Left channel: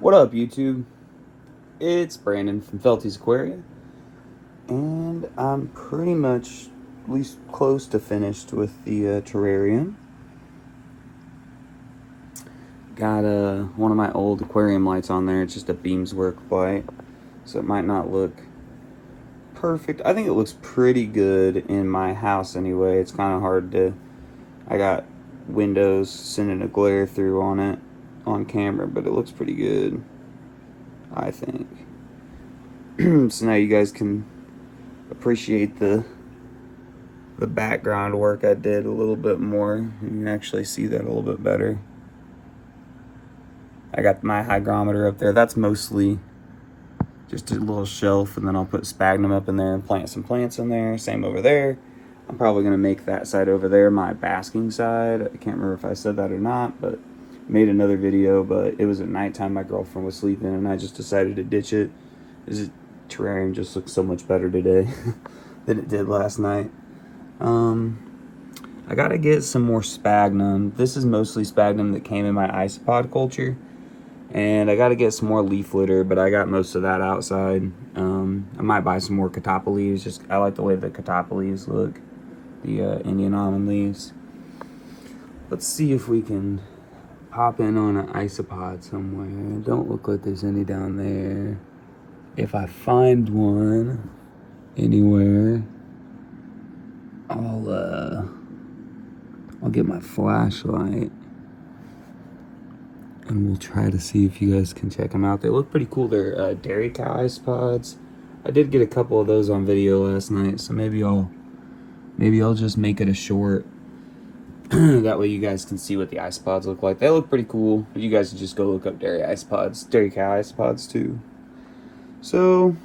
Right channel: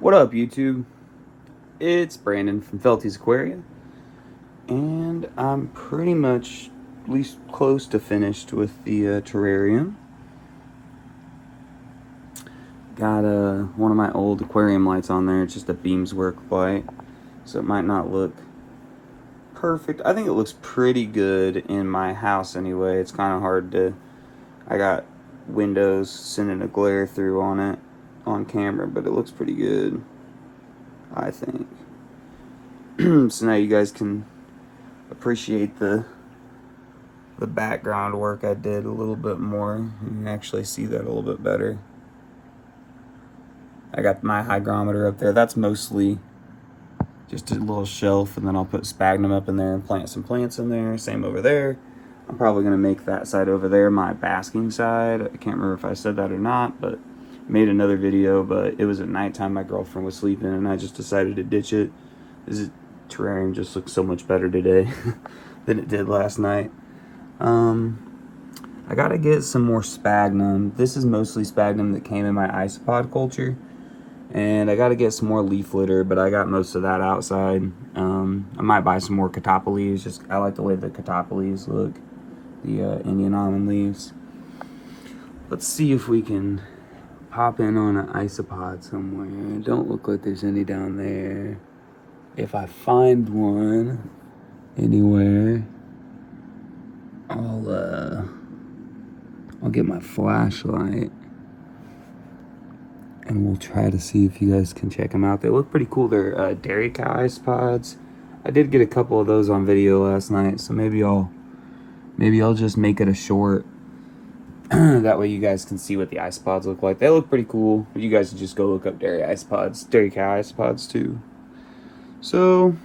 What up, YouTube? It's Brandon from Felty's Aquarium, and I'm pretty much at least close to finished with the terrarium. Got one of my old aquarium lights on there. It's just a Beamswork light, so it might not look perfect. I think it looks pretty good in my house anyway. It's kind of hard to. I got windows sending a glare through on it on camera, but it looks pretty good, I think. So now you guys can appreciate the background work I did a little bit more. You can actually see that a little bit better. I got my hygrometer up there. That's mostly just a little shelf, and then I'll put sphagnum up in there and plant some plants in there. Same over there. I'm probably gonna make that side over there my basking side. I can't remember if I said that or not, but I made another video, but it was at nighttime. My girlfriend was sleeping, and I just decided to ditch it. This terrarium just looks so much better today than it did last night. I gotta get some more sphagnum. This is mostly sphagnum that came in my isopod culture, and I gotta get some more leaf litter, but I got most of that outside. I might buy some more catappa leaves. Just I like the way the catappa leaves look, the Indian almond leaves. Let's see if we can pop in on an isopod somewhere. Don't look like there's any down there. If I find one anywhere, I'll get my flashlight and we'll try to see if you guys can check them out. They look pretty cool. They're dairy cow isopods. I did get a couple of those on video last night, so maybe I'll just make it a short. That way you guys can see what the isopods look like. They look pretty cool. You guys can just go look up dairy cow isopods too. So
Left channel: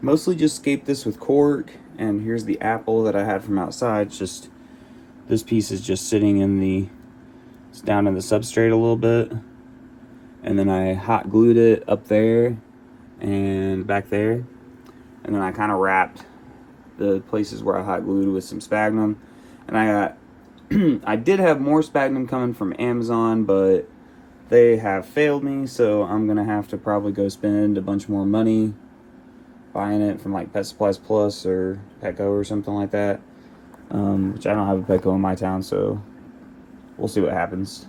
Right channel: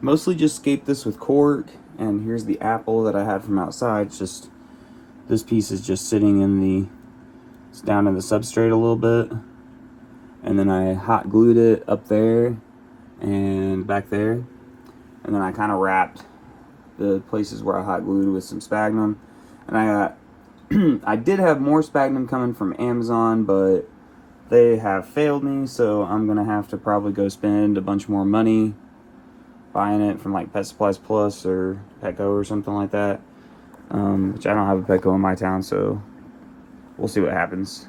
mostly just scaped this with cork, and here's the apple that I had from outside. It's just, this piece is just sitting in it's down in the substrate a little bit, and then I hot glued it up there and back there, and then I kind of wrapped the places where I hot glued with some sphagnum. And I got I did have more sphagnum coming from Amazon, but they have failed me, so I'm gonna have to probably go spend a bunch more money buying it from like Pet Supplies Plus or Petco or something like that, which I don't have a Petco in my town, so we'll see what happens.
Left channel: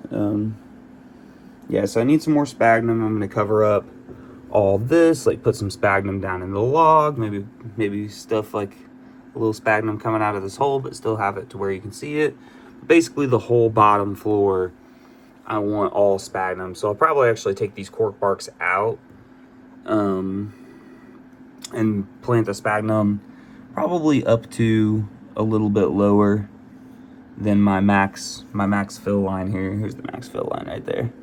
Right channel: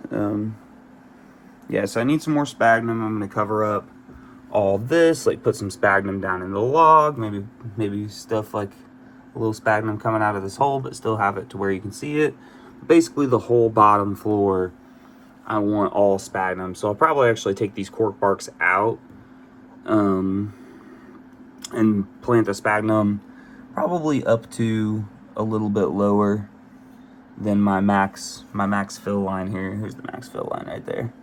Yeah, so I need some more sphagnum. I'm gonna cover up all this, like put some sphagnum down in the log, maybe stuff like a little sphagnum coming out of this hole, but still have it to where you can see it. Basically the whole bottom floor I want all sphagnum, so I'll probably actually take these cork barks out and plant the sphagnum probably up to a little bit lower than my max fill line here. Here's the max fill line right there.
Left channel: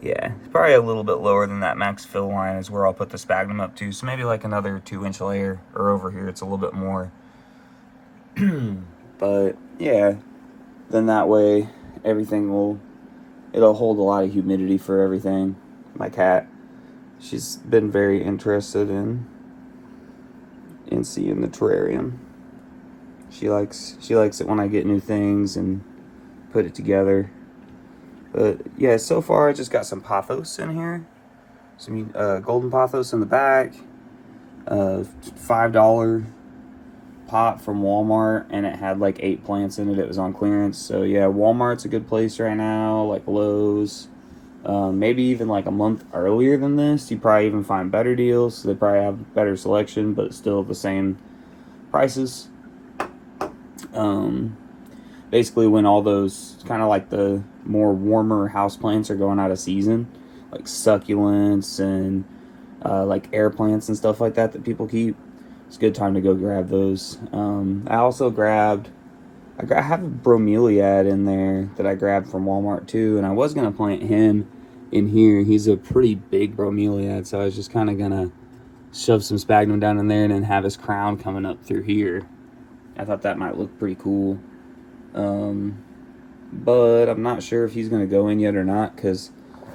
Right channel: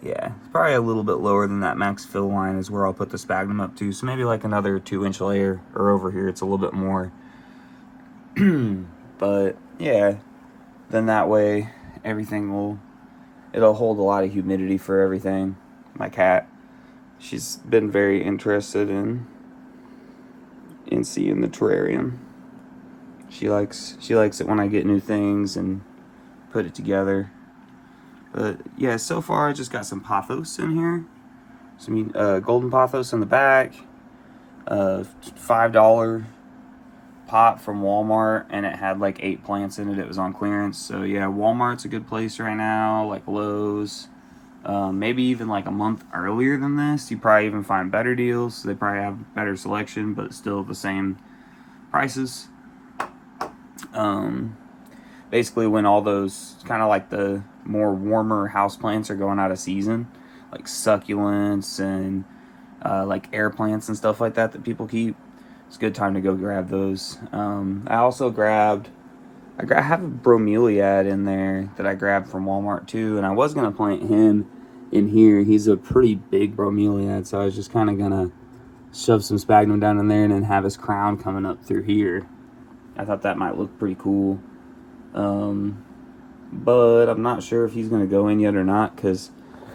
Yeah, it's probably a little bit lower than that max fill line is where I'll put the sphagnum up to. So maybe like another 2-inch layer, or over here it's a little bit more. But yeah, then that way it'll hold a lot of humidity for everything. My cat, she's been very interested in seeing the terrarium. She likes it when I get new things and put it together. But yeah, so far I just got some pothos in here, some golden pothos in the back, $5 pot from Walmart, and it had like 8 plants in it. It was on clearance. So yeah, Walmart's a good place right now, like Lowe's. Maybe even like a month earlier than this, you probably even find better deals. So they probably have better selection, but still the same prices. Basically when all those kind of like the more warmer house plants are going out of season, like succulents and like air plants and stuff like that people keep, it's a good time to go grab those. I also grabbed, I have a bromeliad in there that I grabbed from Walmart too, and I was gonna plant him in here. He's a pretty big bromeliad, so I was just kind of gonna shove some sphagnum down in there and then have his crown coming up through here. I thought that might look pretty cool. But I'm not sure if he's gonna go in yet or not, because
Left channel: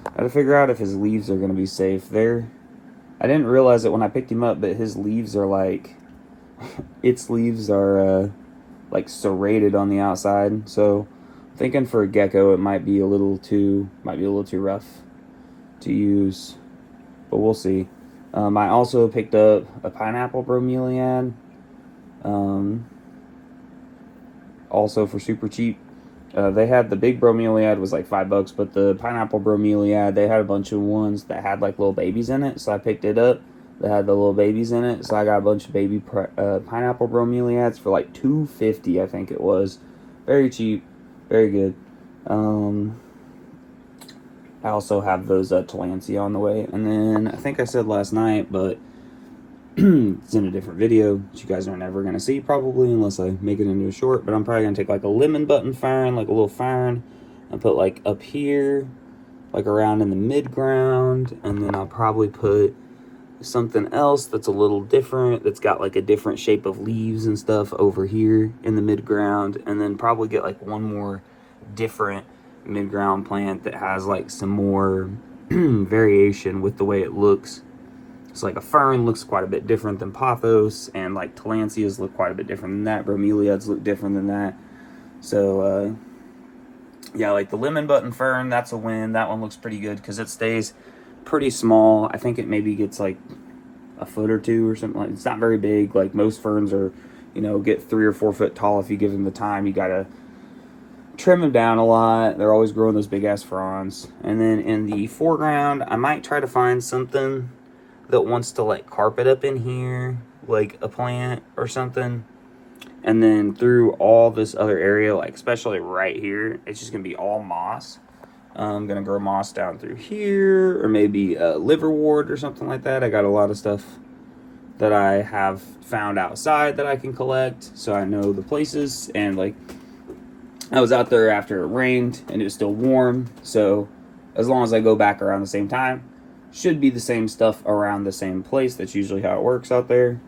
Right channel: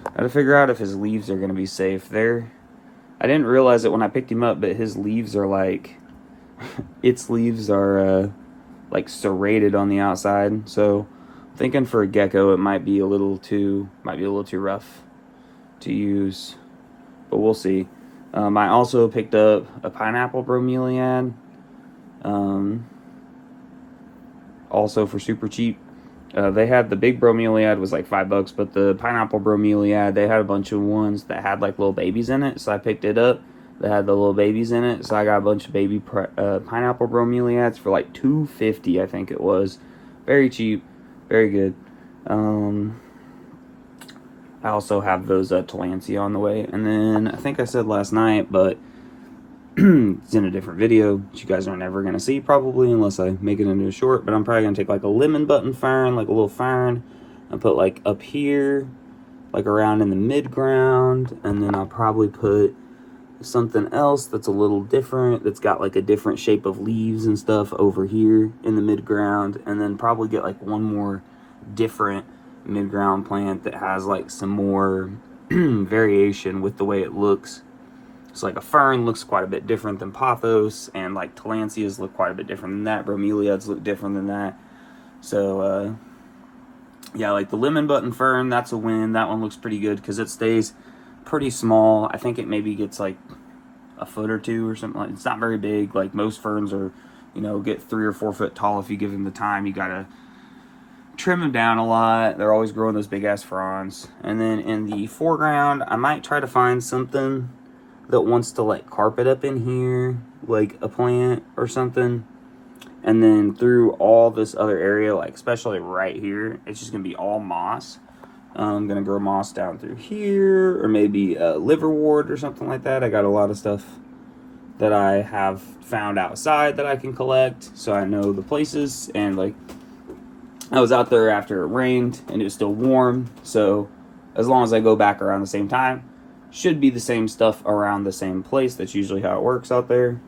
I gotta figure out if his leaves are gonna be safe there. I didn't realize it when I picked him up, but his leaves are like, its leaves are like serrated on the outside. So thinking for a gecko, it might be a little too rough. to use, but we'll see. I also picked up a pineapple bromeliad, also for super cheap. They had the big bromeliad was like $5, but the pineapple bromeliad, they had a bunch of ones that had like little babies in it, so I picked it up. They had the little babies in it, so I got a bunch of baby pineapple bromeliads for like $2.50, I think it was. Very cheap, very good. I also have those Tillandsia on the way, and then I think I said last night, but it's in a different video that you guys are never going to see probably unless I make it into a short, but I'm probably going to take like a lemon button fern, like a little fern, and put like up here, like around in the mid-ground, and then I'll probably put something else that's a little different, that's got like a different shape of leaves and stuff over here in the mid-ground, and then probably get like one more different mid-ground plant that has like some more variation with the way it looks. It's like a fern looks quite a bit different than pothos, and like tillandsias look quite a bit different than that. Bromeliads look different than that. So yeah, like the lemon button fern, that's a win. That one looks pretty good because it stays pretty small. I think it maybe gets like a foot or two or something. Like, it's not very big. Like most ferns are, you know, get 3 or 4 foot tall if you give them the time. You gotta trim them down a lot. They're always growing those big ass fronds. And then in the foreground, I might try to find something that wants to like carpet up in here, like a plant or something. And then through all this other area, like especially right here, it's just gonna be all moss. I'm gonna grow moss down through here, or maybe liverwort or something like that. I got a lot of stuff that I have found outside that I can collect, so I know the places. And like, I was out there after it rained and it was still warm, so as long as I go back around the same time, should be the same stuff around the same place. That's usually how it works out there.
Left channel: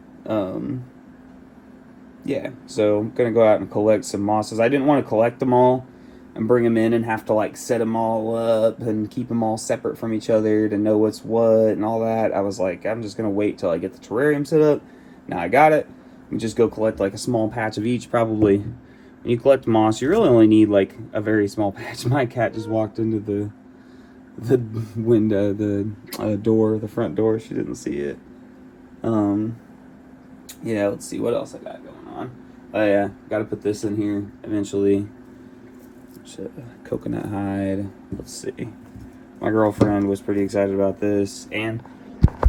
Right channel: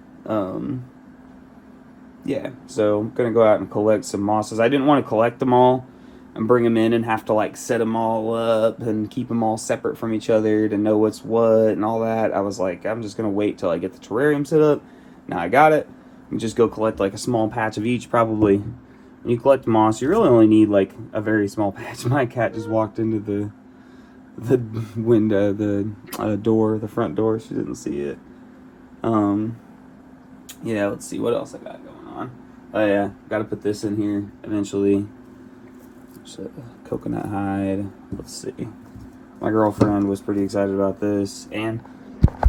Yeah, so I'm gonna go out and collect some mosses. I didn't want to collect them all and bring them in and have to like set them all up and keep them all separate from each other to know what's what and all that. I was like, I'm just gonna wait till I get the terrarium set up. Now I got it. You just go collect like a small patch of each. Probably when you collect moss, you really only need like a very small patch. My cat just walked into the window, the door, the front door. She didn't see it. Yeah, let's see what else I got going on. Oh yeah, gotta put this in here eventually. So, coconut hide. Let's see. My girlfriend was pretty excited about this, and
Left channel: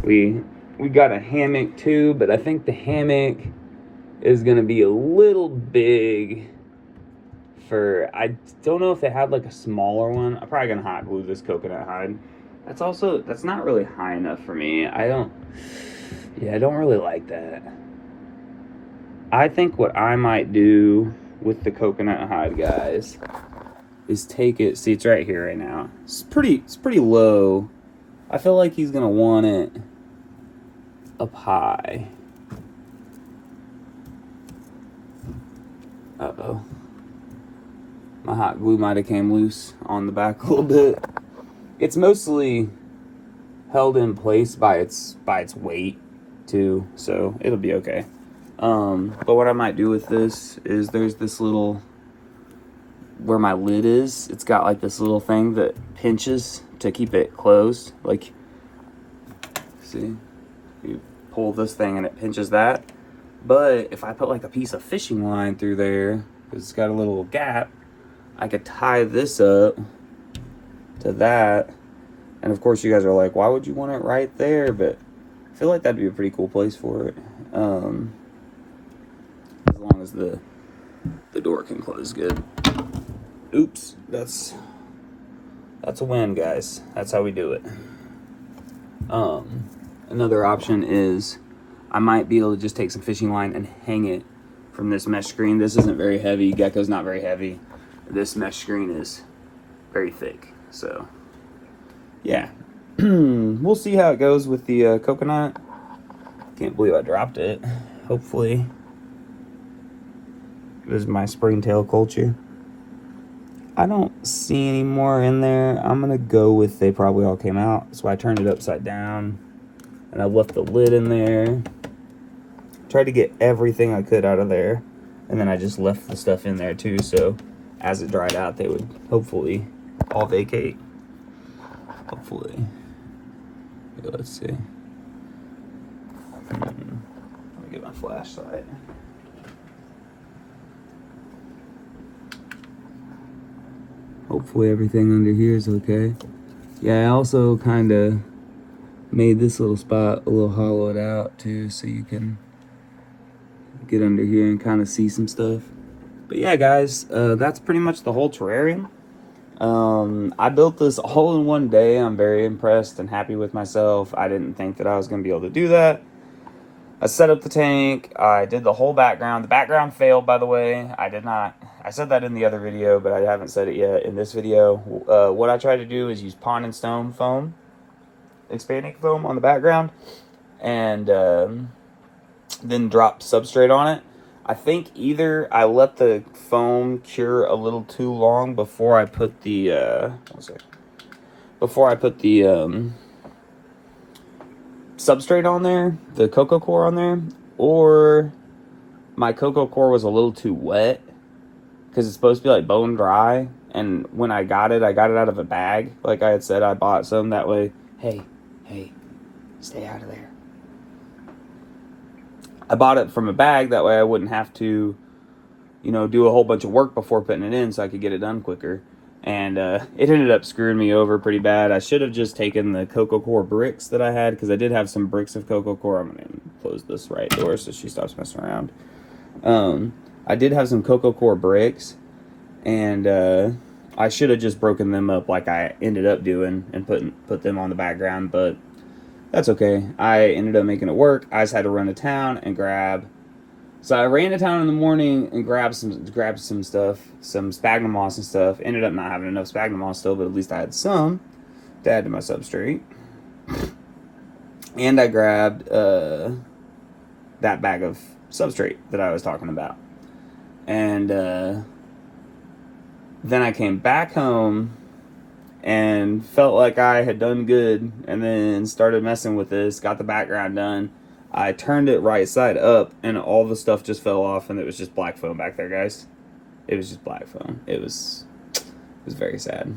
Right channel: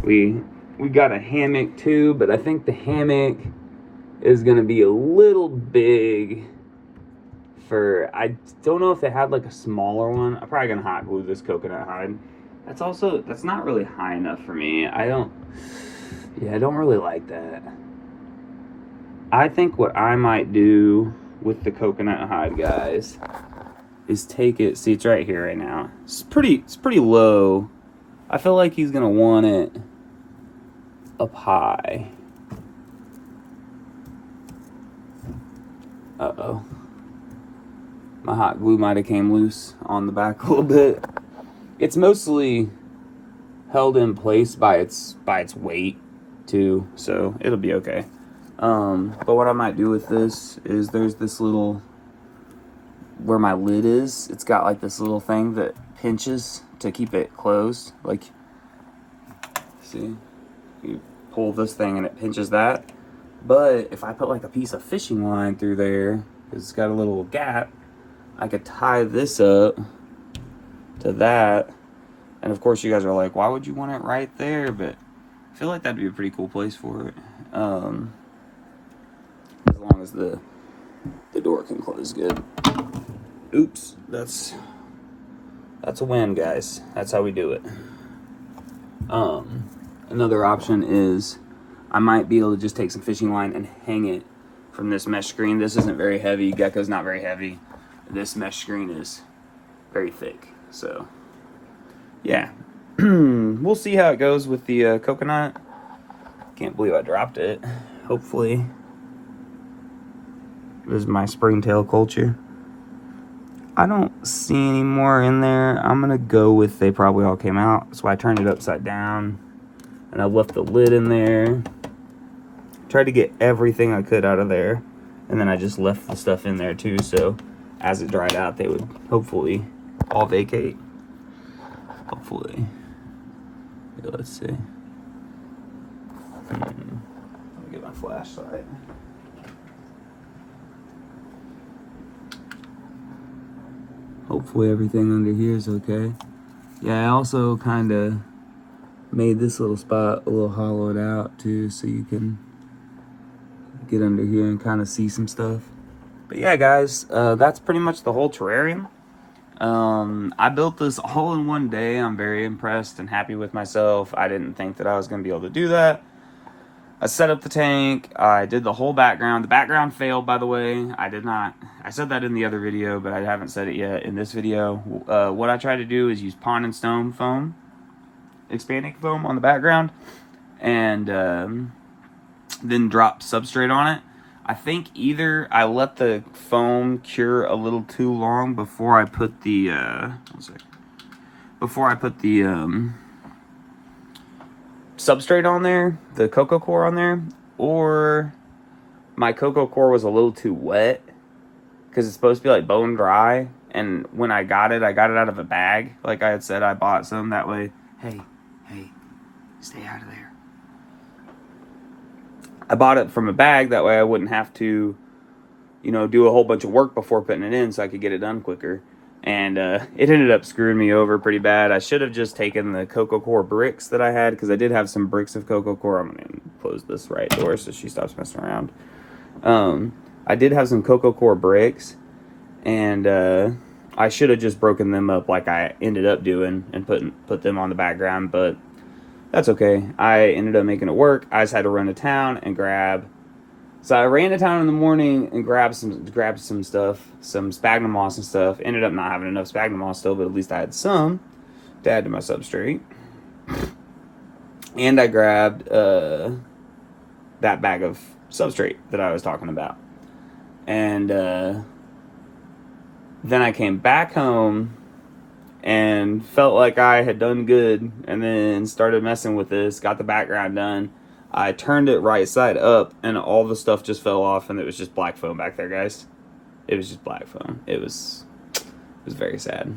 we got a hammock too, but I think the hammock is gonna be a little big for, I don't know if they had like a smaller one. I'm probably gonna hot glue this coconut hide. That's not really high enough for me. I don't really like that. I think what I might do with the coconut hide, guys, is take it, see it's right here right now. It's pretty low. I feel like he's gonna want it up high. Uh-oh. My hot glue might have came loose on the back a little bit. It's mostly held in place by its weight too, so it'll be okay. But what I might do with this is there's this little, where my lid is, it's got like this little thing that pinches to keep it closed. Like, see, you pull this thing and it pinches that. But if I put like a piece of fishing line through there, because it's got a little gap, I could tie this up to that. And of course you guys are like, why would you want it right there? But I feel like that'd be a pretty cool place for it. As long as the door can close good. Oops, that's a win, guys. That's how we do it. Another option is I might be able to just take some fishing line and hang it from this mesh screen. This isn't very heavy. Gecko's not very heavy. This mesh screen is very thick. So, yeah. We'll see how it goes with the coconut. Can't believe I dropped it. Hopefully. This is my springtail culture. I don't see any more in there. I'm gonna go with they probably all came out. So I turned it upside down. And I left the lid in there. Tried to get everything I could out of there. And then I just left the stuff in there too. So as it dried out, they would hopefully all vacate. Hopefully. go. Let's see. Let me get my flashlight. Hopefully everything under here is okay. Yeah, I also kind of made this little spot a little hollowed out too, so you can get under here and kind of see some stuff. But yeah, guys, that's pretty much the whole terrarium. I built this all in one day. I'm very impressed and happy with myself. I didn't think that I was going to be able to do that. I set up the tank. I did the whole background. The background failed, by the way. I said that in the other video, but I haven't said it yet in this video. What I tried to do is use Pond and Stone foam, expanding foam on the background, and then dropped substrate on it. I think either I let the foam cure a little too long before I put the substrate on there, the coco core on there, or my coco core was a little too wet because it's supposed to be like bone dry. And when I got it out of a bag. Like I had said, I bought some that way. Hey, stay out of there. I bought it from a bag, that way I wouldn't have to, do a whole bunch of work before putting it in, so I could get it done quicker. And it ended up screwing me over pretty bad. I should have just taken the coco core bricks that I had, because I did have some bricks of coco core. I'm going to close this right door so she stops messing around. I did have some coco core bricks, and I should have just broken them up like I ended up doing and put them on the background, but that's okay. I ended up making it work. I just had to run to town and grab. So I ran to town in the morning and grabbed some stuff, some sphagnum moss and stuff. Ended up not having enough sphagnum moss still, but at least I had some to add to my substrate. And I grabbed that bag of substrate that I was talking about. And then I came back home and felt like I had done good, and then started messing with this, got the background done. I turned it right side up, and all the stuff just fell off, and it was just black foam back there, guys. It was just black foam. It was very sad.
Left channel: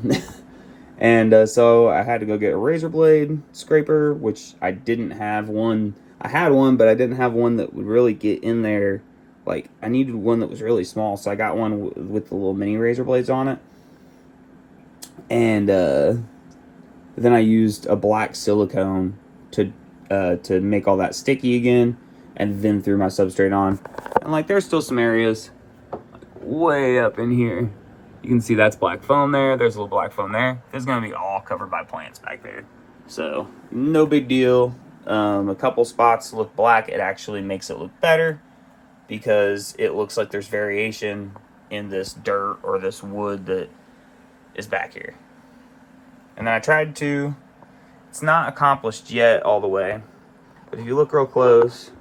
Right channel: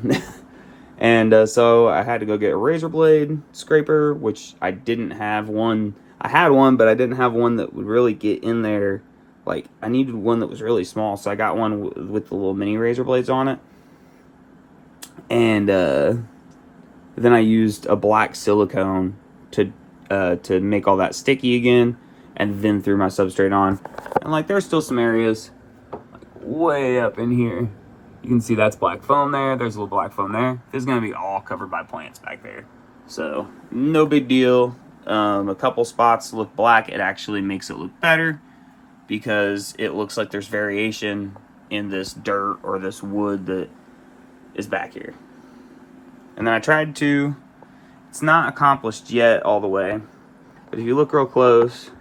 And so I had to go get a razor blade scraper, which I didn't have one. I had one, but I didn't have one that would really get in there. Like, I needed one that was really small, so I got one with the little mini razor blades on it. And then I used a black silicone to make all that sticky again, and then threw my substrate on. And like, there's still some areas way up in here. You can see that's black foam there. There's a little black foam there. This is gonna be all covered by plants back there, so no big deal. A couple spots look black. It actually makes it look better because it looks like there's variation in this dirt or this wood that is back here. And then I tried to, it's not accomplished yet all the way, but if you look real close,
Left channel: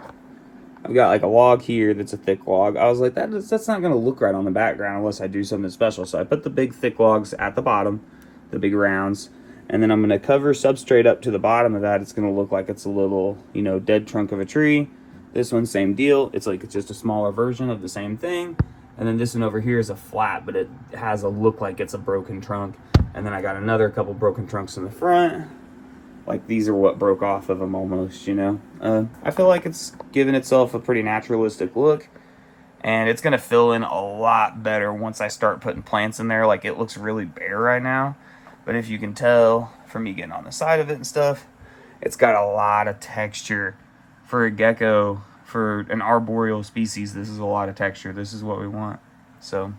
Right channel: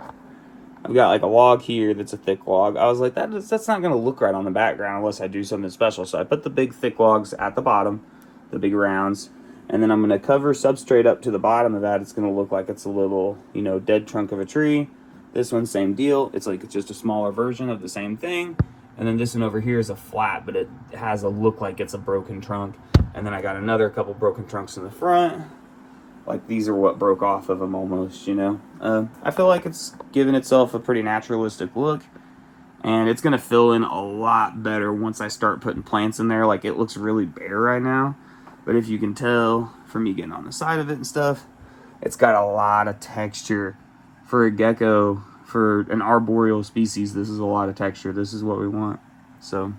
I've got like a log here that's a thick log. I was like, that's not going to look right on the background unless I do something special. So I put the big thick logs at the bottom, the big rounds, and then I'm going to cover substrate up to the bottom of that. It's going to look like it's a little, dead trunk of a tree. This one, same deal. It's like it's just a smaller version of the same thing. And then this one over here is a flat, but it has a look like it's a broken trunk. And then I got another couple broken trunks in the front. Like, these are what broke off of them almost, I feel like it's given itself a pretty naturalistic look. And it's going to fill in a lot better once I start putting plants in there. Like, it looks really bare right now. But if you can tell from me getting on the side of it and stuff, it's got a lot of texture. For a gecko, for an arboreal species, this is a lot of texture. This is what we want. So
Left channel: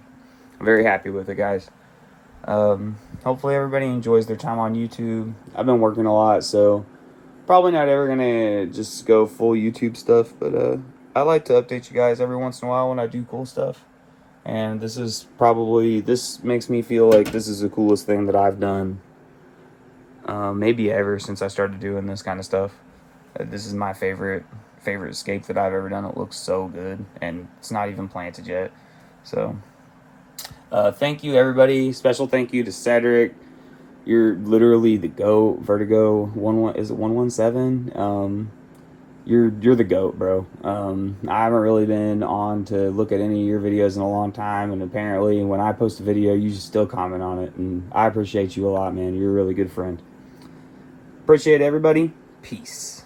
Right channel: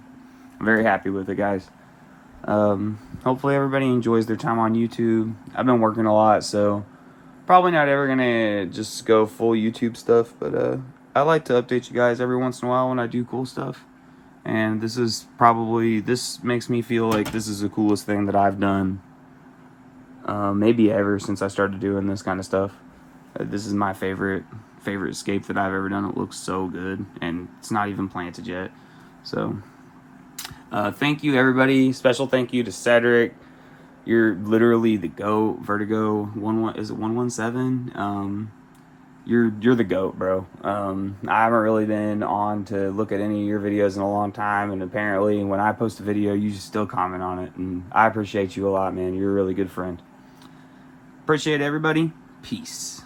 I'm very happy with it, guys. Hopefully everybody enjoys their time on YouTube. I've been working a lot, so probably not ever gonna just go full YouTube stuff, but I like to update you guys every once in a while when I do cool stuff. And this makes me feel like this is the coolest thing that I've done maybe ever since I started doing this kind of stuff. This is my favorite scape that I've ever done. It looks so good, and it's not even planted yet. So thank you, everybody. Special thank you to Cedric. You're literally the GOAT. Vertigo 117. You're the GOAT, bro. I haven't really been on to look at any of your videos in a long time, and apparently when I post a video, you still comment on it, and I appreciate you a lot, man. You're a really good friend. Appreciate everybody. Peace.